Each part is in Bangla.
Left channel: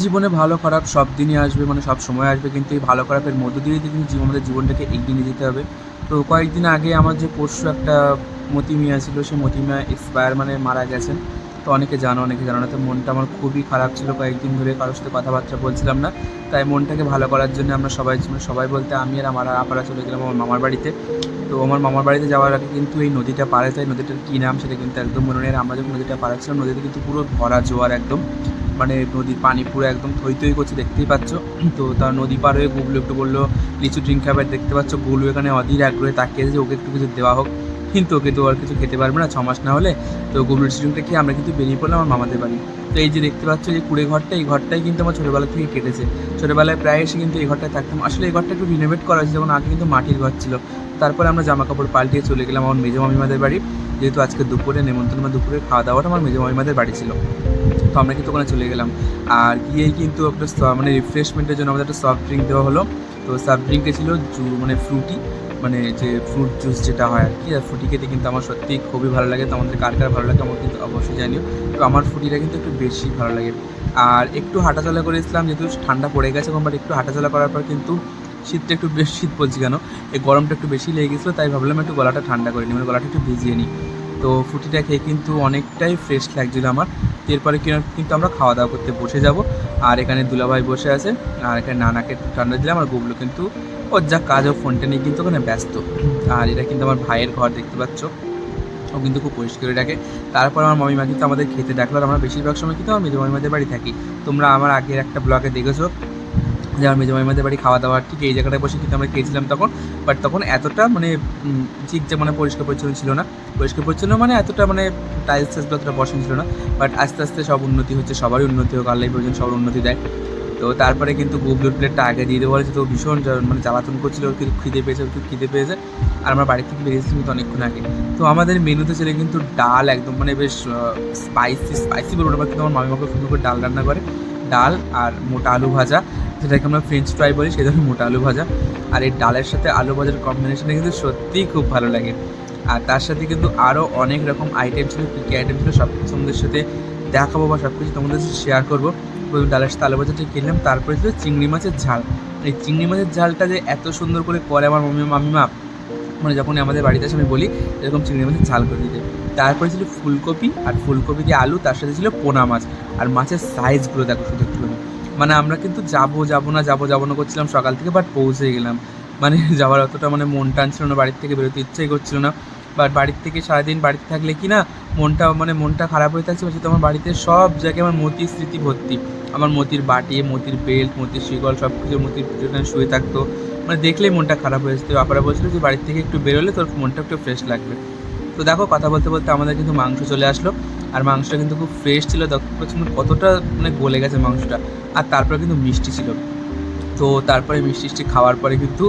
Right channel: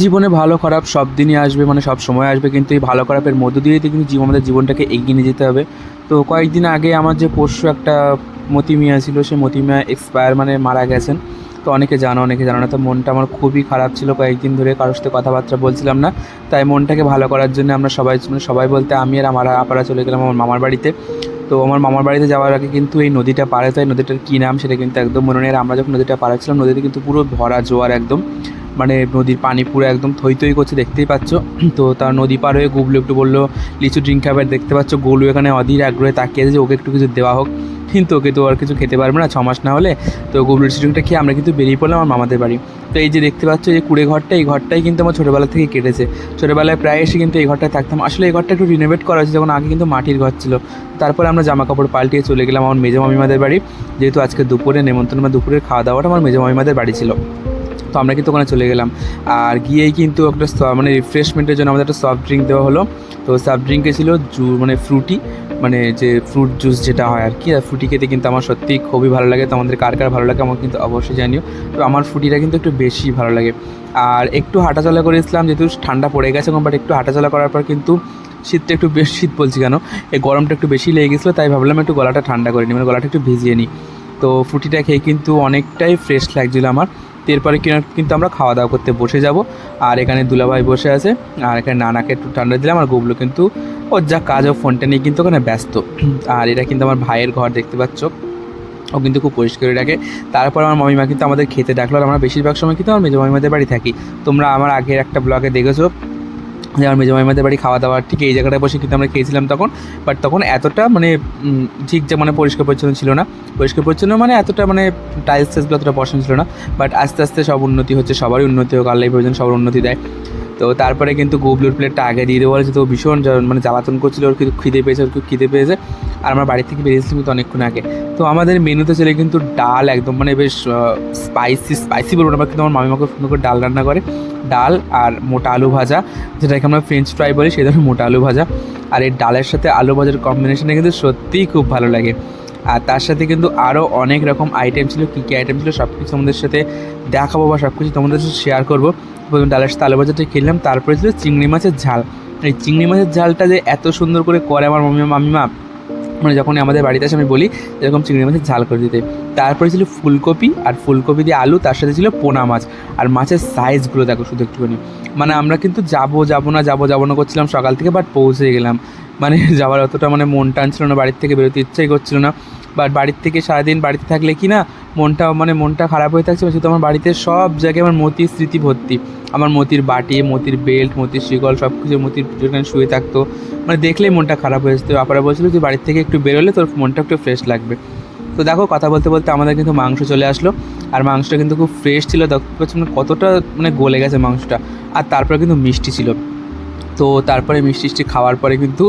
জীবনে ভালো খারাপ সব দিনই আসবে মানে সব সময় আসবে, কিন্তু এই ভালো খারাপের মধ্য দিয়েই কিন্তু জীবন, আমাদের জীবনটাকে এগিয়ে নিয়ে যেতে হবে। তো কয়েকদিন আগে আমার যে পরশু একটা মতিমিয়া ছিল সে মতিমিয়া এক্সপায়ার মানে মারা গেছেন। তো অনেকে জানো অনেকে জানো না। তো মনটা আমার খুবই খারাপ ছিল। কয়েকদিন ধরে কারোর সাথে কথাবার্তা বলছিলাম না। তাই মনটাকে ভালো করার জন্য আমরা সবাই মানে সবাই বলতে আমি আর আমার আপারা চলে গেলাম আমার মামার বাড়িতে। তো আমার মামার বাড়িতে যাওয়ার আগে কিন্তু এই নদীটা পাড়ে, তাই নদীটার কী নাম সেটা কিন্তু একদম মনে নেই। আমরা যখন নদীটা পাড়াচ্ছিলাম নদীতে কিন্তু পুরো ভরা জোয়ার একদম। মানে নদীর পানি পুরো একদম থই থই করছে, দেখতেই পাচ্ছ। তো তার নদী পার হয়ে গুবলু একটু বলল, লিচু ড্রিঙ্ক খাবার দেখতে পাচ্ছ। গোলু এখানে অধীর আগ্রহে তাকিয়ে যে ওকে একটু কিছু দেওয়া হোক। কিন্তু ওকে তো আর কিছু খেতে পারবে না ছ মাস না হলে। তো গোবর লিচু খেয়ে আমরা কিন্তু বেরিয়ে পড়লাম আমার মামাদের বাড়ি। তো এই যে দেখতে পাচ্ছ যে কুড়ে ঘরটা, এই ঘরটাই কিন্তু আমার ছোটোবেলা থেকে কেটেছে। ছোটোবেলায় প্রায় এসে কিন্তু এই ঘরটায় থাকতাম। আসলে এই ঘরটা একটু রিনোভেট করা হয়েছে, যখন আগে কিন্তু মাটির ঘর ছিল। তারপরে আমরা জামা কাপড় পাল্টিয়ে চলে গেলাম আমার মেজো মামিমাদের বাড়ি। যেহেতু আজকে দুপুরে, নেমন্তন্ন বা দুপুরের খাওয়া দাওয়াটা আমার মেজো মামিমাদের বাড়ি ছিল। তো আমরা কিন্তু ওখানে চলে গেলাম। আর গিয়েই কিন্তু একটা মানে রিফ্রেশমেন্টের জন্য আমাদের একটা সফট ড্রিঙ্ক দেওয়া হলো। তো সফট ড্রিঙ্কে ছিল জু মানে ফ্রুটি মানে যে ফ্রুট জুস যেটা হয় আর কি। আর ফ্রুটি খেতে কিন্তু আমার সত্যিই খুবই ভালো লাগে। তো আমাদের কার কার ভালো লাগে আমার কিন্তু অবশ্যই জানিও। তো আমার ফ্রুটিটা কিন্তু একটু বেশি ভালো লাগে। আর একটু হাঁটাচলা করেছিলাম, যেহেতু ঠান্ডা পড়ে গেছে এখন বাট একটু হাঁটাচলা করার পর কিন্তু শীতটা একটু বেশ শীত বলছি কেন? এই গরমটা একটু বেশি লেগে গেছিল, তাই ভাবলাম একটু গলাটা ঠান্ডা করে নিই। মানে গলাটা একটু ভিজিয়ে নিই। তো ফুটিটা খেয়ে কিন্তু অনেকটাই ফ্রেশ লাগছিল আমার। তো এরপরে কিনা- কিন্তু আমরা খাওয়া দাওয়া করতে বসে যাব। আর এখানে দুলাভাই বসে আছে। আর এখানে নানাকে একটু ঠান্ডা দিলাম। আর গোবলু কিন্তু ওর যা কাজ, ও ফোনটা নিয়ে কিন্তু ওখানে ব্যস্ত। আর এটা কিন্তু আমার ভাইয়ের ঘর দেখতে পাচ্ছ। ও কিন্তু খুব পরিষ্কার রাখে। তারপর আমার মামিমা কিন্তু আমাদের খেতে ডাকলো। আর আমরা বেশিরভাগ সময় কিন্তু আমার মেজো মামিমাদের বাড়ি থাকি। তোমরা আমার আগের একটা ব্লগে দেখেছ। যে আমার মেজো মামিমাদের বাড়ি খাওয়া দাওয়া ঠিক এই জায়গাটায় বসে কিন্তু আমরা খেয়েছিলাম তখন। বাট তখন এতটা মানে ঠিক যে মানে পরিষ্কার পরিচ্ছন্ন ছিল না। পরিষ্কার পরিচ্ছন্ন মানে এতটা মানে টাইলস টাইলসগুলো অতটা বসানো ছিল না। বাট আস্তে আস্তে সব উন্নতি হচ্ছে, সবারই উন্নতি হোক, আল্লাহ প্রয়োজন সবার উন্নতি দেয়। তো তারপরে কিন্তু গুবলুর প্লেটটা আগে দিয়ে দেওয়া হয়েছে তো ভীষণ মানে জ্বালাতন করছিল, ওর কিন্তু খিদে পেয়েছে, ওর খুব খিদে পেয়েছে। আর আমরা বাড়ি থেকে বেরিয়েছিলাম কিন্তু অনেকক্ষণ আগে। তো আমাদের মেনুতে ছিল কিন্তু ডাল একদম মানে বেশ স্পাইসি স্পাইসি বলব না কিন্তু আমার মামিমাকে সুন্দর করে ডাল রান্না করে। ডাল আর মোটা আলু ভাজা, যেটাকে আমরা ফ্রেঞ্চ ফ্রাই বলি ধরনের মোটা আলু ভাজা। আর এই ডালের সাথে আলু ভাজার কম্বিনেশনে কিন্তু সত্যিই খুব ভালো লাগে। আর তার সাথে কিন্তু আরও অনেক রকম আইটেম ছিল, কী কী আইটেম ছিল সব কিছু তোমাদের সাথে দেখাবো বা সব কিছু তোমাদের সাথে শেয়ার করব। প্রথমে ডালের সাথে ভাজাটা খেলাম তারপরে ছিল চিংড়ি মাছের ঝাল। এই চিংড়ি মাছের ঝালটা যে এত সুন্দর করে করে আমার মামি, মামিমা মানে যখন আমাদের বাড়িতে আসে আমি বলি, এরকম চিংড়ি মাছের ঝাল করে দিতে। তারপরে ছিল ফুলকপি, আর ফুলকপি দিয়ে আলু, তার সাথে ছিল পোনা মাছ। আর মাছের সাইজগুলো দেখো শুধু একটুখানি। মানে আমরা কিন্তু যাব যাব না, যাব যাব না করছিলাম সকাল থেকে বাট পৌঁছে গেলাম। মানে যাওয়ার অতটা মানে মন টানছিল না, বাড়ির থেকে বেরোতে ইচ্ছাই করছিল না। বাট বাড়ির থেকে সারাদিন বাড়িতে থাকলে কি না, মনটা মানে মনটা খারাপ হয়ে থাকছে শুধু আমার বাড়িতে সব জায়গায় আমার মতির স্মৃতি ভর্তি। আমার মতির বাটি, মতির বেল্ট, মতির শিকল, সব কিছু মতির যেখানে শুয়ে থাকতো। মানে দেখলেই মনটা খারাপ হয়ে যেত। আপারা বলছিল যে বাড়ির থেকে একটু বেরোলে তোর মনটা একটু ফ্রেশ লাগবে। তো দেখো, কথা বলতে বলতে আমাদের কিন্তু মাংস চলে আসলো। আর মাংসটা কিন্তু খুব ফ্রেশ ছিল। দেখতে পাচ্ছি কতটা মানে গলে গেছে মাংসটা। আর তারপরে কিন্তু মিষ্টি ছিল। তো তারপরে মিষ্টি মিষ্টি খাওয়ার পরে কিন্তু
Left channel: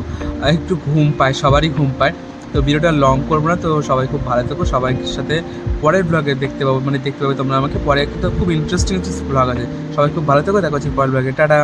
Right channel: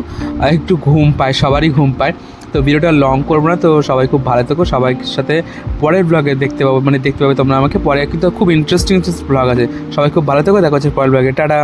একটু ঘুম পায়, সবারই ঘুম পায়। তো ভিডিওটা লং করব না, তো সবাই খুব ভালো থাকো, সবাই সাথে পরের ব্লগে দেখতে পাবো মানে দেখতে পাবে তোমরা আমাকে। পরে কিন্তু খুব ইন্টারেস্টিং ব্লগ আছে। সবাই খুব ভালো থাকো, দেখা হচ্ছে পরের ব্লগে টাটা!